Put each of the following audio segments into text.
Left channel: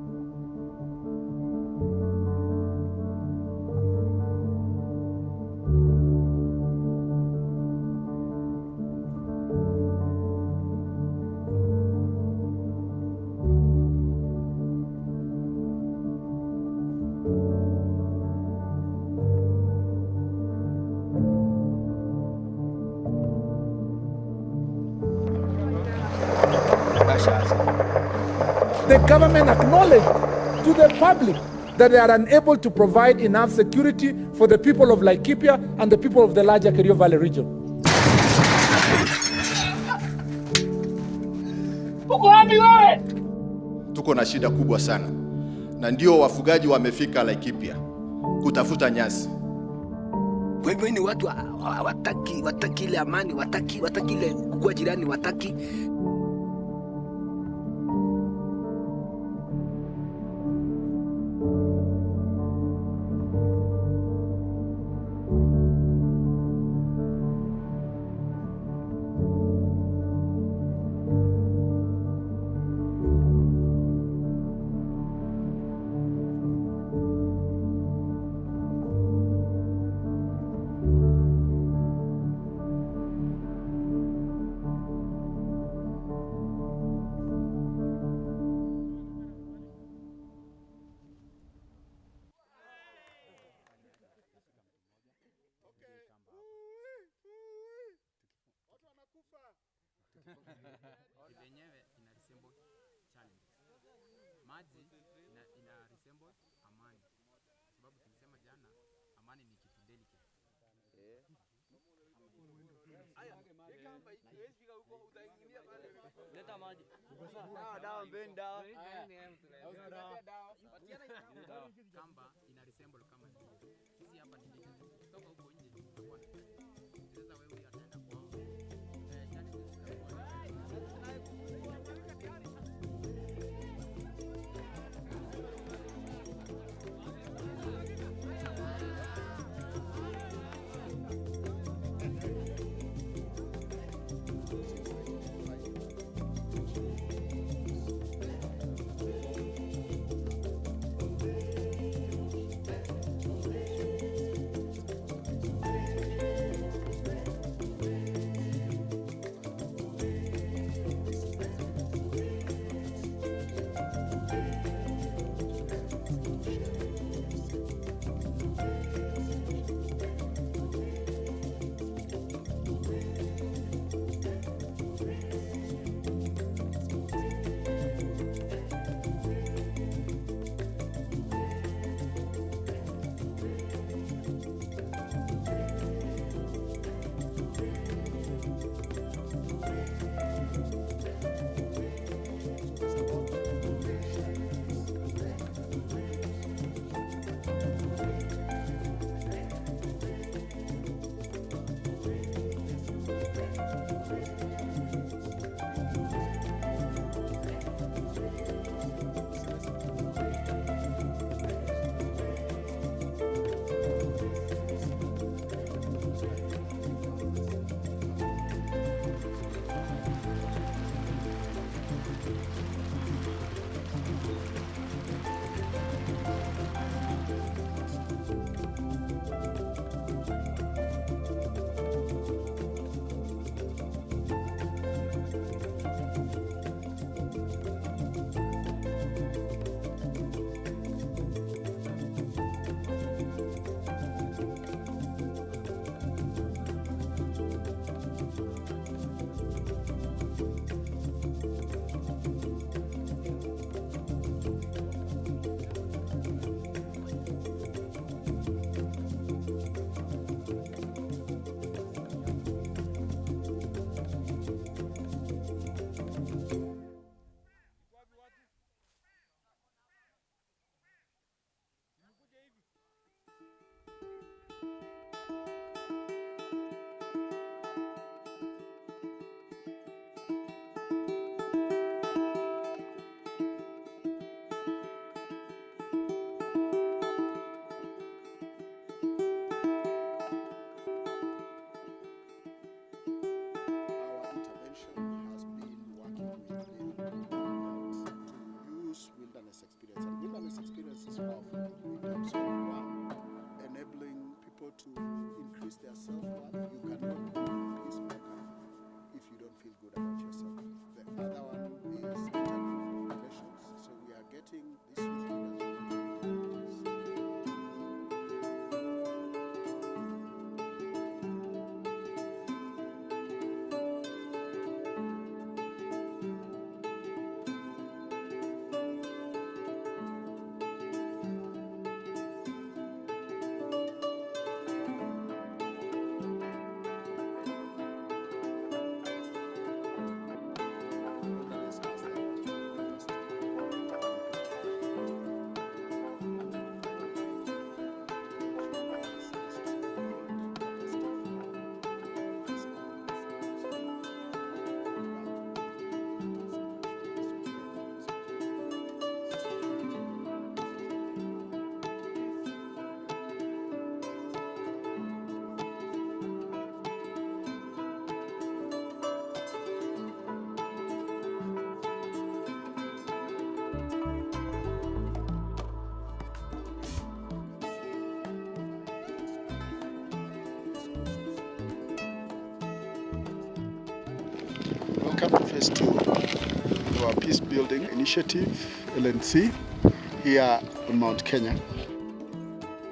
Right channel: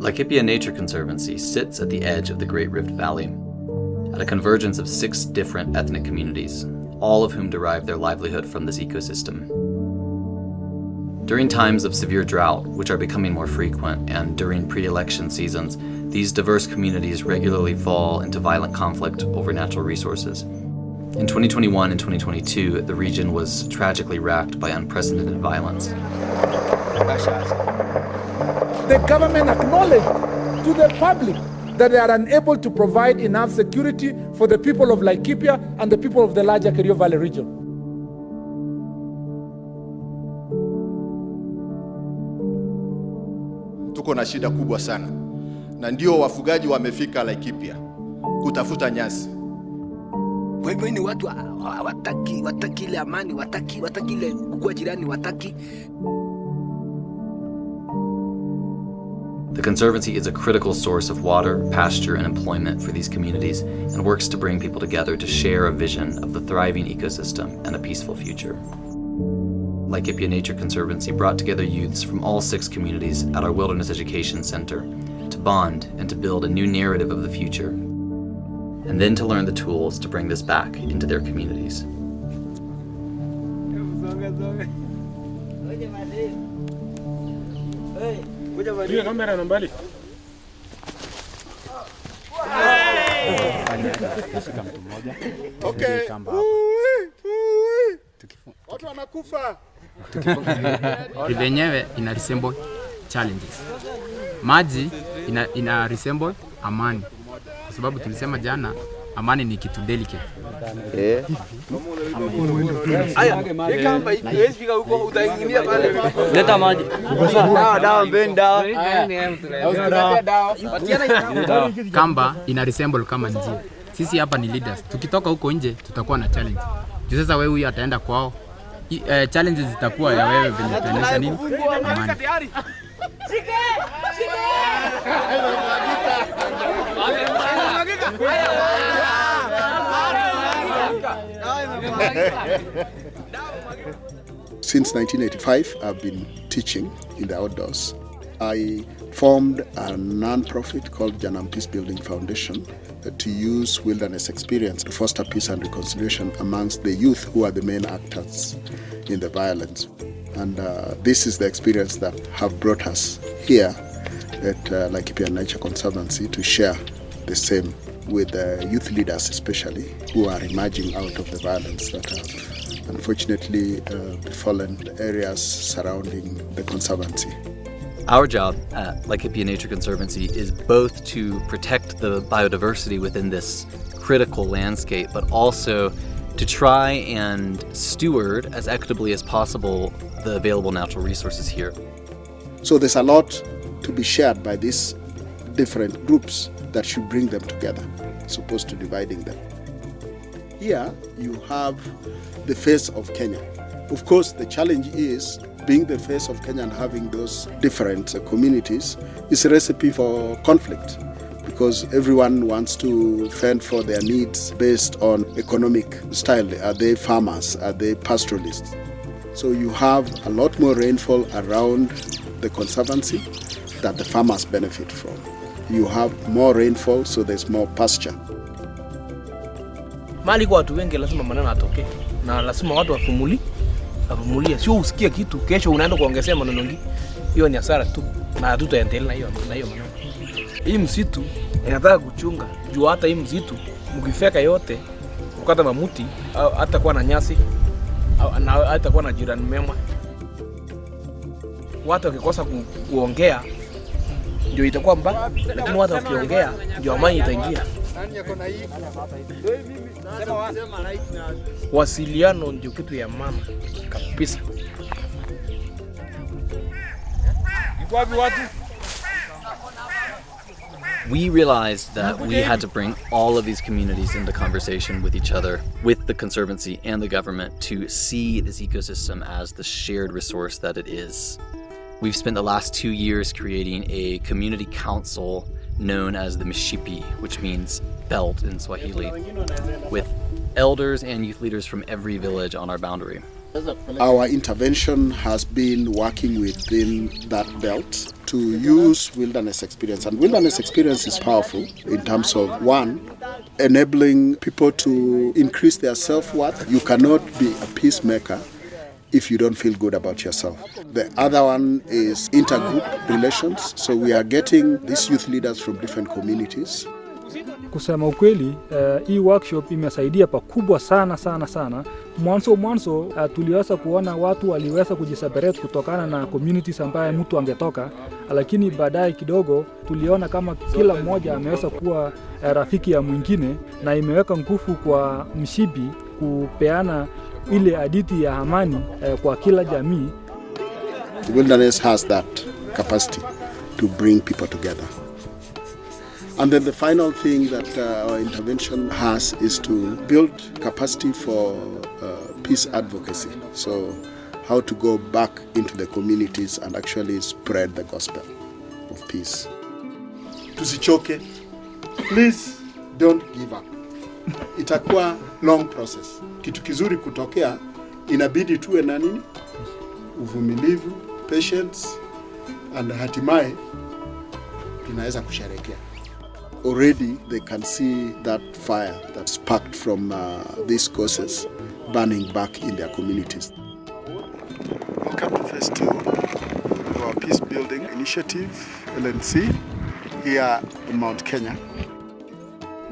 Laikipia Nature Conservancy sits at the edge of the Great Rift Valley, at a convergence of 6 different ethnic communities, all of whom derive their livelihood from this ecosystem. During times of severe drought, which are becoming more frequent, and during pre-election seasons, these diverse communities regularly fall into violent conflict over natural resources. In 2021 and 2022, the region was tragically racked by unprecedented violence. The government acknowledged to the public that they are unable to provide enough security for the people of Laikipia and the people of the larger Kerio Valley region. Tuko na shida kubwa sana, na ndio wafugaji wamefika Laikipia kutafuta nyasi. Kwa hivyo ni watu wataki ile amani, wataki ile kukua jirani, wataki. The Conservancy is a critical source of water, pasture, and employment for these communities, and works to bring people together to share a vision of the thriving ecosystem and a peaceful future. Laikipia Nature Conservancy brought together youths from all 6 communities at our Wilderness Education Center to bond and to build a new narrative of the future, and then to learn the tools to bring this back into their communities. Okay. Watu wanakufa. Yenyewe ina resemble challenges. Maji ina resemble amani. Kwa sababu tulisema jana amani ni kitu delicate. Aya, kama hivi fika huko utaingilia pale. Leta maji. Dawa mbenda. Kamba ina resemble kama njia. Sisi hapa ni leaders. Tukitoka huko nje tutakuwa na challenge. Sasa wewe huyu ataenda kwao. Challenges zitakuwa ya wewe venye utaendesha nini? Amani. Since 1985, I've been teaching in the outdoors. I formed a non-profit called Peacebuilding Foundation to use wilderness experience to foster peace and reconciliation amongst the youth who are the main actors in the violence. And this is the experience that have brought us here at Laikipia Nature Conservancy to share the same with the youth leaders, especially who are emerging out of the violence that have unfortunately befallen the areas surrounding the Conservancy. Our job at Laikipia Nature Conservancy is both to protect the biodiversity within this critical landscape, but also to try and steward as equitably as possible the available natural resources here. So there's a lot to be shared by these different groups that should bring them together, as opposed to dividing them. Here you have the face of Kenya. Of course, the challenge is being the face of Kenya and having those different communities is a recipe for conflict, because everyone wants to fend for their needs based on economic style. Are they farmers? Are they pastoralists? So you have a lot more rainfall around the Conservancy that the farmers benefit from. You have more rainfall, so there's more pasture. Mali kwa watu wengi lazima maneno atoke, na lazima watu wafumulie, sio usikie kitu kesho unaenda kuongezea maneno mengi. Hiyo ni hasara tu, na hatutaendelea hiyo maneno. Hii msitu inataka kuchunga, juu hata hii msitu mkifeka yote ukata mamuti au hata kuwa na nyasi au na hata kuwa na jirani mema. Watu wakikosa kuongea ndio itakuwa mbaya, lakini watu wakiongea ndio amani itaingia. Wasiliano ndio kitu ya maana kabisa. We realized that we had to bring all of these communities into conversation with each other, with the Conservancy and the government, to see this ecosystem as the shared resource that it is. We've spent the last 2 years creating a community council known as the Mishipi, which means belt in Swahili, with elders and youth leaders from every village on our boundary. Our intervention has been working within that belt to use wilderness experience. And wilderness experience is powerful in terms of, one, enabling people to increase their self-worth. You cannot be a peacemaker if you don't feel good about yourself. The other one is intergroup relations. So we are getting these youth leaders from different communities. Kusema ukweli, hii workshop imesaidia pakubwa sana. Mwanzo tuliweza kuona watu waliweza kujiseparate kutokana na communities ambaye mtu angetoka, lakini baadaye kidogo tuliona kama kila mmoja ameweza kuwa rafiki ya mwingine, na imeweka nguvu kwa mshipi kupeana ile hadithi ya amani kwa kila jamii. The wilderness has that capacity to bring people together. And then the final thing that our intervention has is to build capacity for peace advocacy. So how to go back into the communities and actually spread the gospel of peace. Tusichoke. Please don't give up. Itakuwa long process. Kitu kizuri kutokea, inabidi tuwe na nini? Uvumilivu, patience, and hatimaye tunaweza kusherehekea. Already they can see that fire that sparked from these causes burning back in their communities. Welcome to Phase 2 of our Peacebuilding Initiative, LNC, here in Mount Kenya.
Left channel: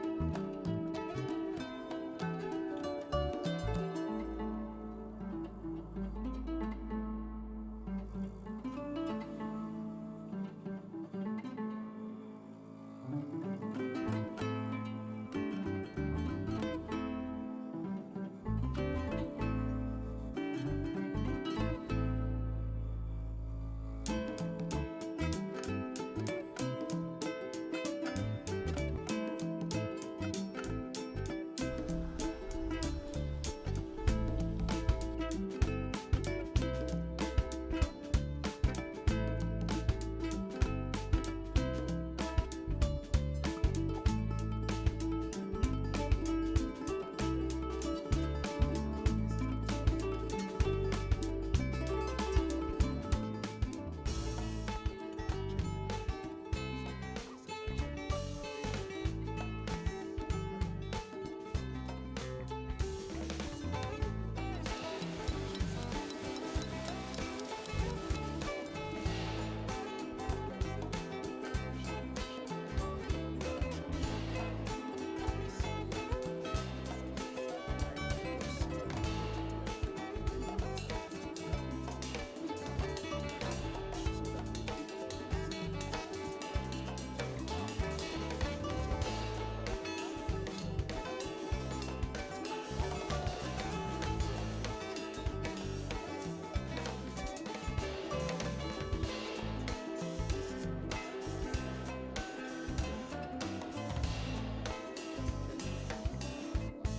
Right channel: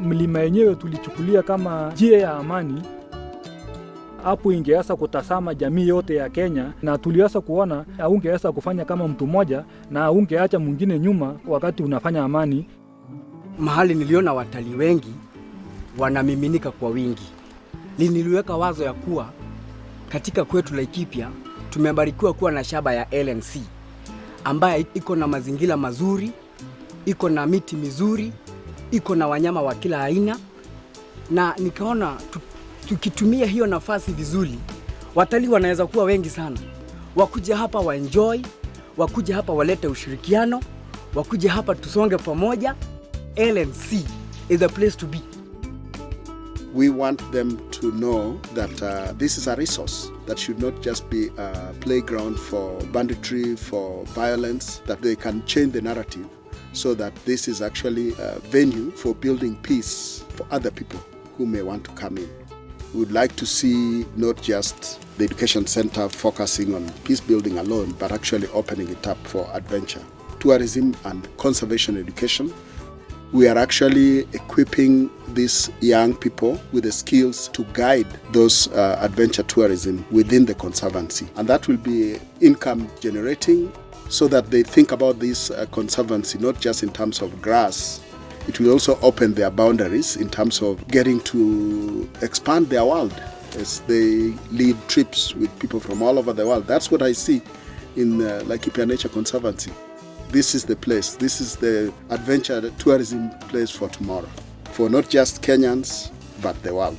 Mlima yenyewe tulichukulia kama njia ya amani. Hapo ingeweza kutazama jamii yote ya Kenya, na tuliweza kuona haungeweza kufanya kama mtu mmoja na haungeacha mwingine nyuma wakati unafanya amani. Mahali niliona watalii wengi wanamiminika kwa wingi, niliweka wazo ya kuwa katika kwetu Laikipia tumebarikiwa kuwa na shamba ya LNC ambaye iko na mazingira mazuri, iko na miti mizuri, iko na wanyama wa kila aina, na nikaona tukitumia hiyo nafasi vizuri, watalii wanaweza kuwa wengi sana. Wakuja hapa waenjoy, wakuja hapa walete ushirikiano, wakuja hapa tusonge pamoja. LNC is the place to be. We want them to know that this is a resource that should not just be a playground for banditry, for violence, that they can change the narrative so that this is actually a venue for building peace for other people who may want to come in. We would like to see not just the education center focusing on peace building alone, but actually opening it up for adventure, tourism and conservation education. We are actually equipping these young people with the skills to guide those adventure tourism within the conservancy. And that will be income generating so that they think about this conservancy not just in terms of grass. It will also open their boundaries in terms of getting to expand their world as they lead trips with people from all over the world. That's what I see in Laikipia Nature Conservancy. This is the place. This is the adventure tourism place for tomorrow, for not just Kenyans, but the world.